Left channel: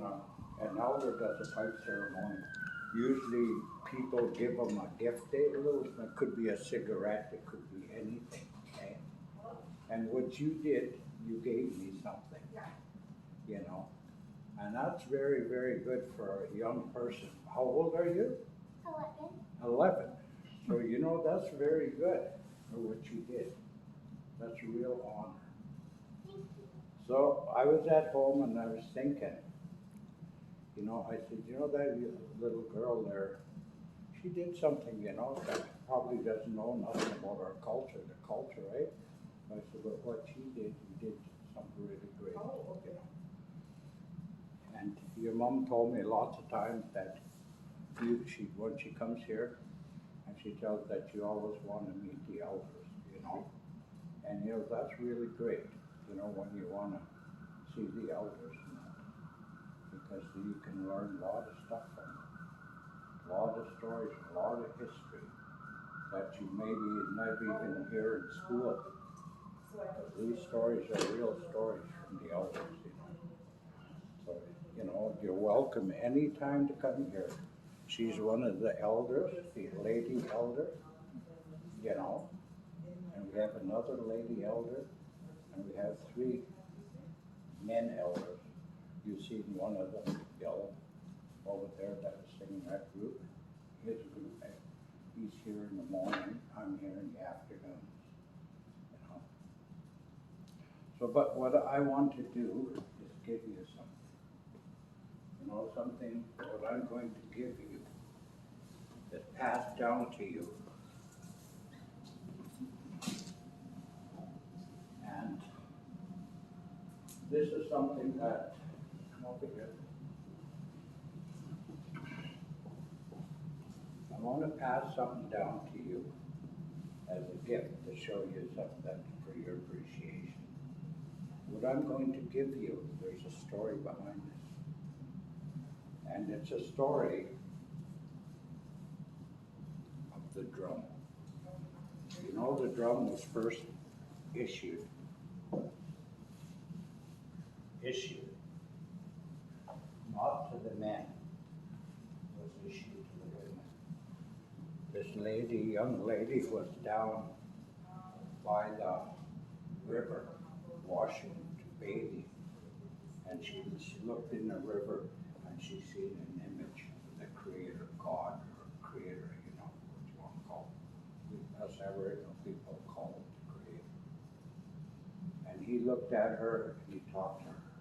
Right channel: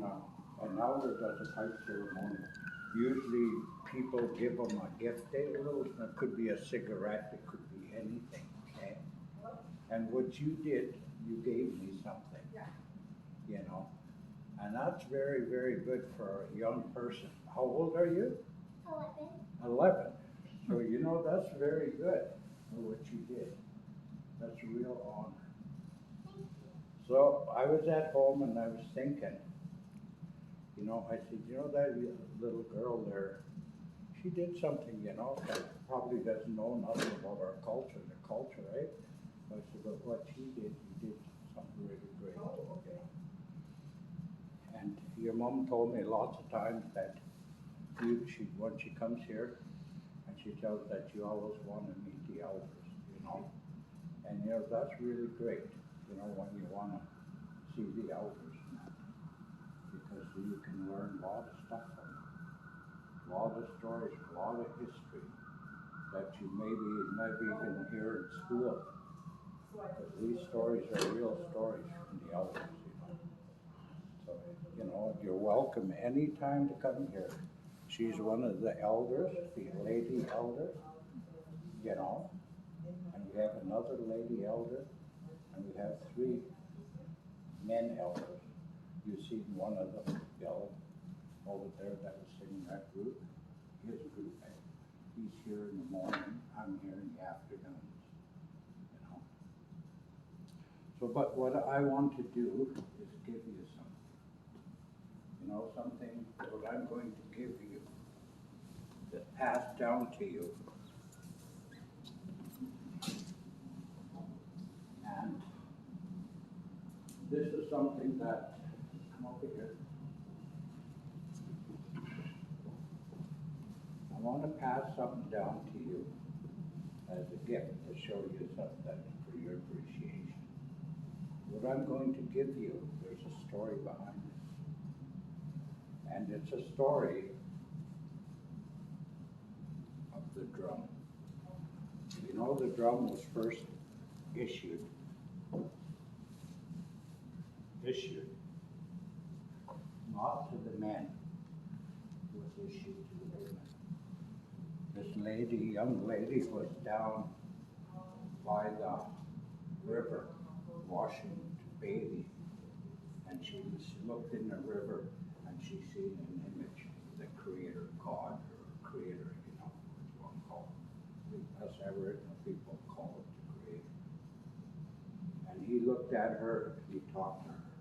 an elder does a pipe ceremony, usually people give them a gift. A little, it could be a cigarette, it could be anything. Okay? And what you did, you gave me something. You know, and that's very, very good for a young person. How old are you? 11. So you know that's very good for what you did. That's a real honor. So I was at home and I was thinking, you know, I said, you know that little girl there, she did something, you know, that probably doesn't know nothing about our culture, the culture, right? I said, but what she did, you did something really great, you know. And your mom told me lots of times that when she comes here, and she tells that you always want to meet the elders, you know. And you know, that's really great, you know, when you want to see the elders and that, because you can learn a lot of stuff from them. A lot of stories, a lot of history that you maybe never even hear in school. But these stories are real stories from the elders, you know. So, you know, you're welcome anytime to come here. She's one of the elders, the lady elder, you know, and we have another lady elder, and we have 3 men elders. You've seen one of them, Bill, over there that is singing that group, his group. He's here in the morning, I'm here in the afternoon, you know. So, but what I want to do is give you something, you know, something, what I'm going to give you is passed down to you. And this is something that, come over here. I want to pass something down to you as a gift to show you something for your appreciation. What I'm going to give you, there's a story behind it. And it's a story of the drum. You know, the drum was first issued, not to the men, it was issued to the women. This lady, young lady, was down by the river, washing, bathing, and she looked in the river and she seen an image of the Creator, God, or Creator, you know, what you want to call it. Us Aboriginal people call it the Creator. And he looked at her, and he talked to her,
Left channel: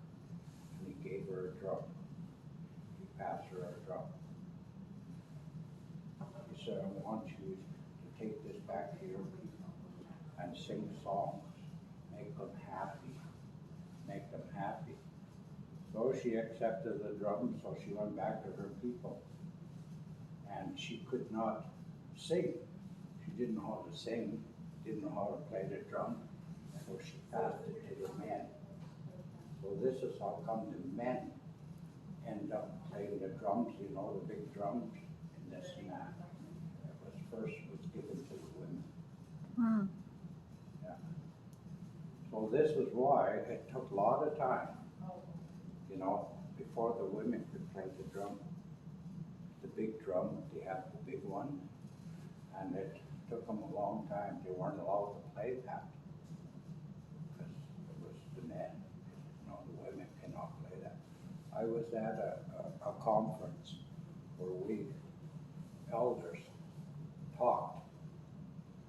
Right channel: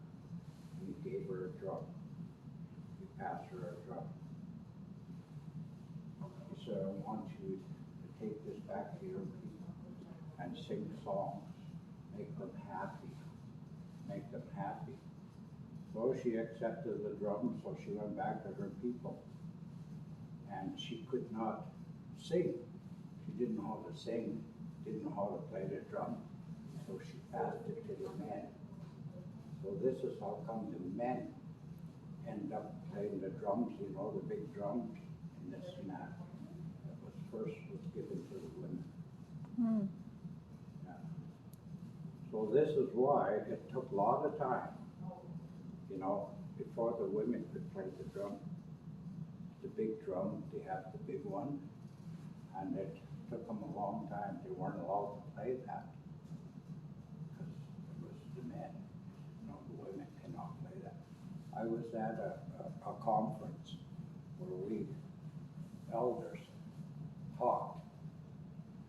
and he gave her a drum. He passed her a drum. He said, I want you to take this back to your people and sing songs, make them happy, make them happy. So she accepted the drum, so she went back to her people. And she could not sing. She didn't know how to sing, didn't know how to play the drum, so she passed it to the men. So this is how come the men end up playing the drums, you know, the big drums, and this and that. It was given to the women. Mm. Yeah. So this is why it took a lot of time, you know, before the women could play the drum. The big drum, they had the big one, and it took them a long time. They weren't allowed to play that because it was the men. You know, the women cannot play that. I was at a conference where we elders talked,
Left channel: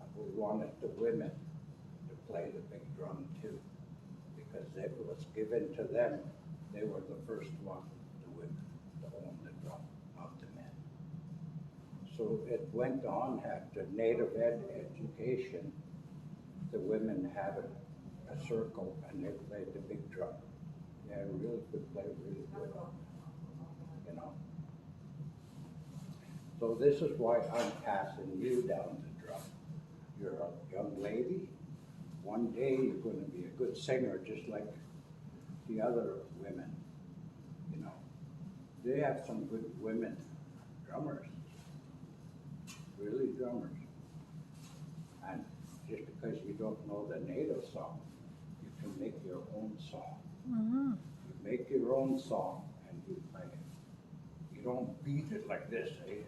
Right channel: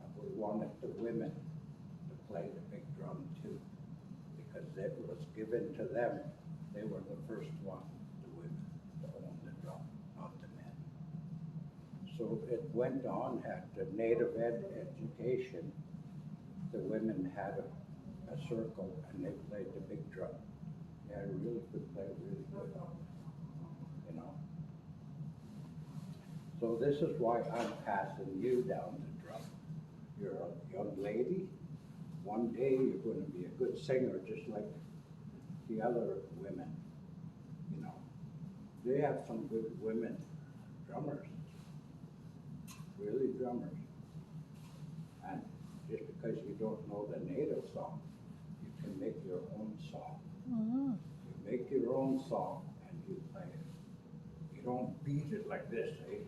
and we wanted the women to play the big drum too, because it was given to them. They were the first one, the women, to own the drum, not the men. So it went on at the Native education. The women had a circle and they played the big drum. They had a really good play, really good, you know. So this is why I'm passing you down the drum. You're a young lady. One day you're going to be a good singer, just like the other women, you know. They have some good women drummers, really drummers. And just because you don't know the native song, you can make your own song. Mm-hmm. You make your own song and you you don't beat it like this, eh?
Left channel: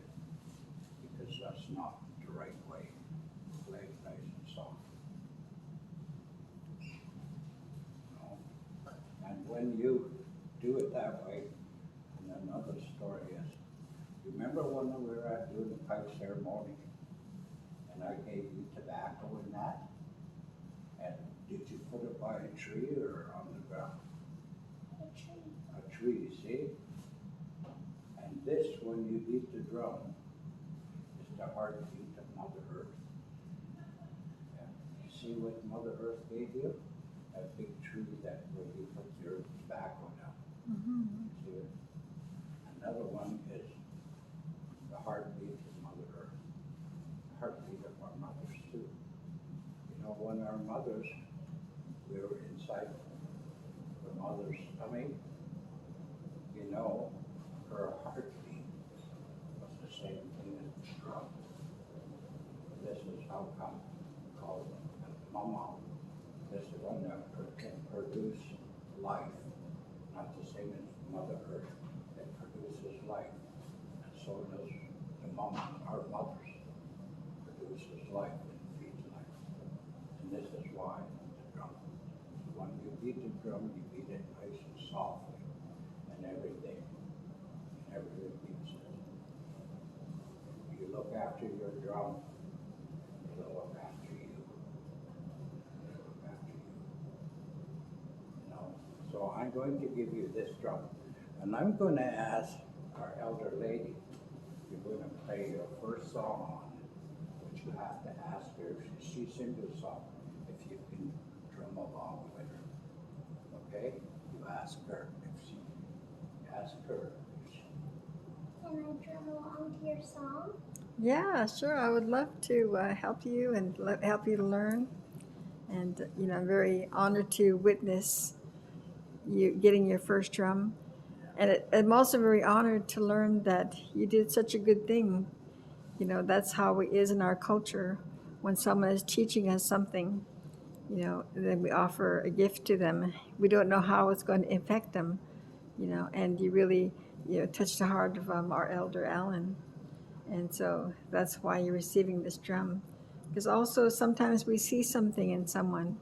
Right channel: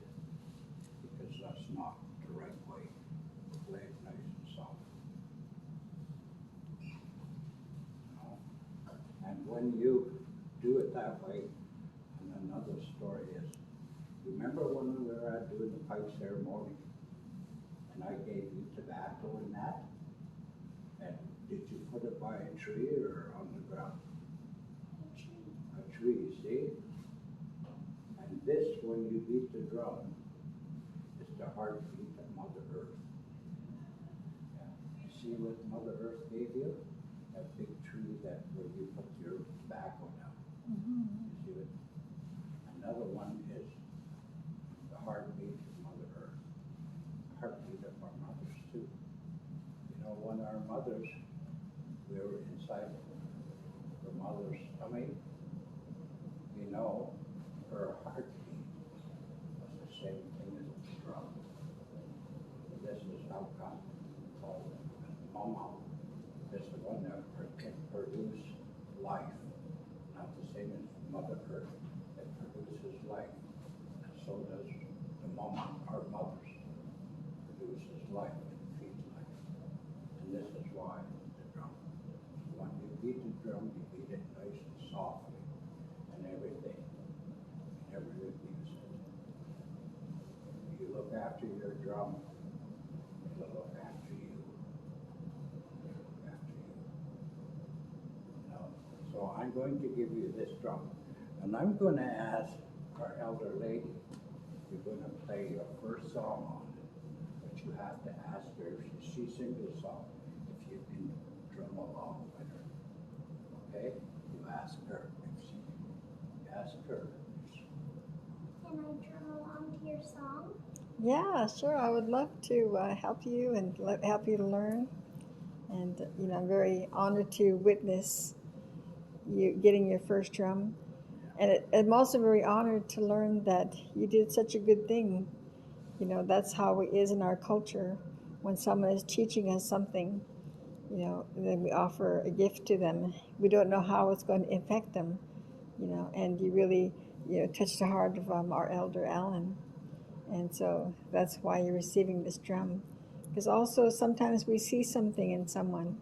Because that's not the right way. Play it nice and soft. No. And when you do it that way, and another story is, you remember when we were out doing the pipe ceremony, and I gave you tobacco in that? And did you put it by a tree or on the ground? A tree. A tree, see? And this, when you beat the drum, is the heartbeat of Mother Earth. Yeah. You see what Mother Earth gave you? That big tree that where you put your tobacco down. Mm-hmm. You see it? Another one is the heartbeat of Mother Earth. Heartbeat of our mothers too. You know, when our mothers, we were inside the mother's tummy, you know, her heartbeat was the same thing as the drum. This is how come called mama. This is one that can produce life, not the same as Mother Earth that produces life. And so does the mama, our mothers, produces life and feeds life. And this is why the drum. When you beat the drum, you beat it nice and softly, and everything beats it. You look after your drum, it'll look after you. It'll look after you. You know? So I'm going to give you this drum, and I'm going to ask our elder lady, you're going to play your first song on it, but you have to ask her if she sings a song, if you can drum along with her. Okay? You ask her if she, ask her if she. Can I drum along to your song? Yeah, sure. I would love to help you and help you to learn. And, I'm very honored to witness you getting your first drum. And I'm also very honored to learn that you did such a good thing. That's how it is in our culture. When someone is teaching us something, then we offer a gift to them. We don't know how it's going to affect them, and you really, touched the heart of our elder Alan. And so that's why you're receiving this drum. Because also sometimes we see something in someone.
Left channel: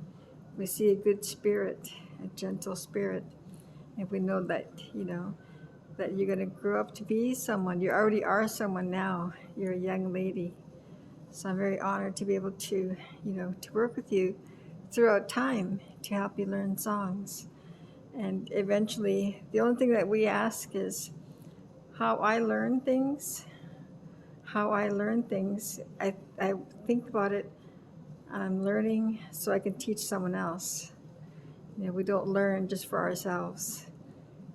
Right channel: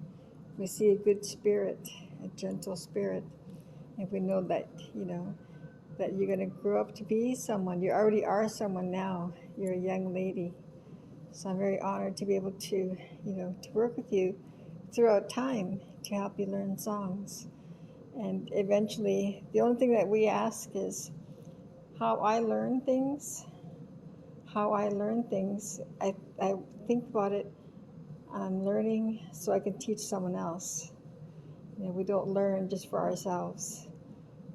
We see a good spirit, a gentle spirit. And we know that, that you're going to grow up to be someone. You already are someone now. You're a young lady. So I'm very honored to be able to, to work with you throughout time to help you learn songs. And eventually, the only thing that we ask is how I learn things. I think about it, and I'm learning so I can teach someone else. We don't learn just for ourselves.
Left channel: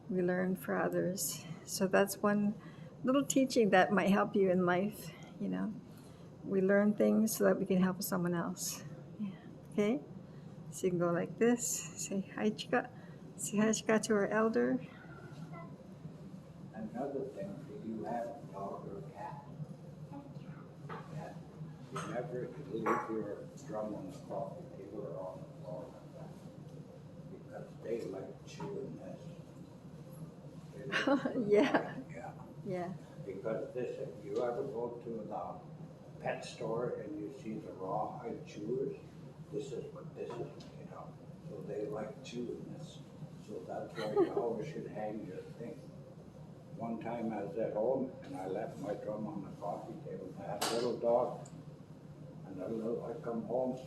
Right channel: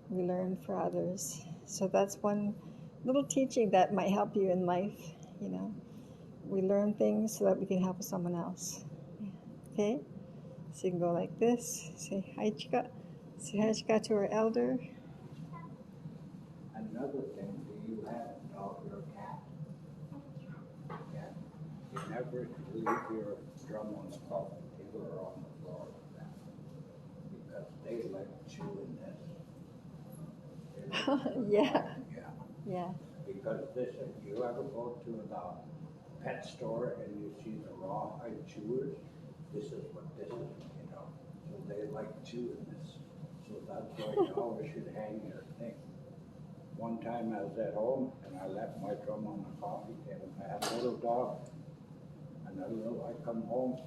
We learn for others. So that's one little teaching that might help you in life. We learn things so that we can help someone else. Yeah. Okay? So you can go like this. Say hi, Chika. Say hi, Chika, to our elder. Another thing, do you have a dog or a cat? Yeah. You never leave your drum on the coffee table or on the floor like that, because they like chewing this. They like Yeah. Yeah. Yeah. Because this, if you ever go to the pet store and you see the rawhide chewers, this is what this is, So they like chewing this. So that's why you always should hang your thing. One time I was at home and I left my drum on the coffee table. I had a little dog, and I come home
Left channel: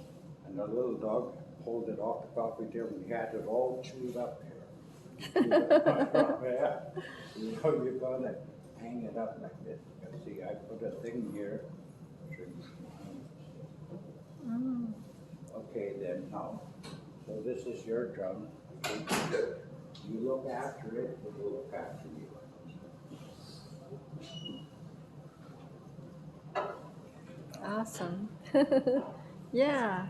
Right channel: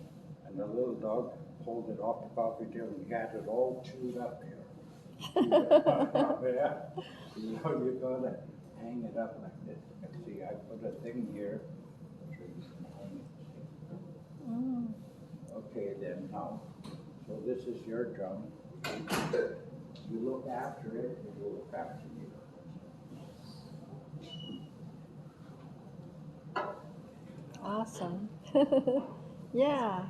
and the little dog pulled it off the coffee table and he had it all chewed up here. Yeah. You gotta hang it up like this. You can see I put a thing here. Mm. Okay then, now, so this is your drum. You look after it, it will look after you. Awesome. Yeah.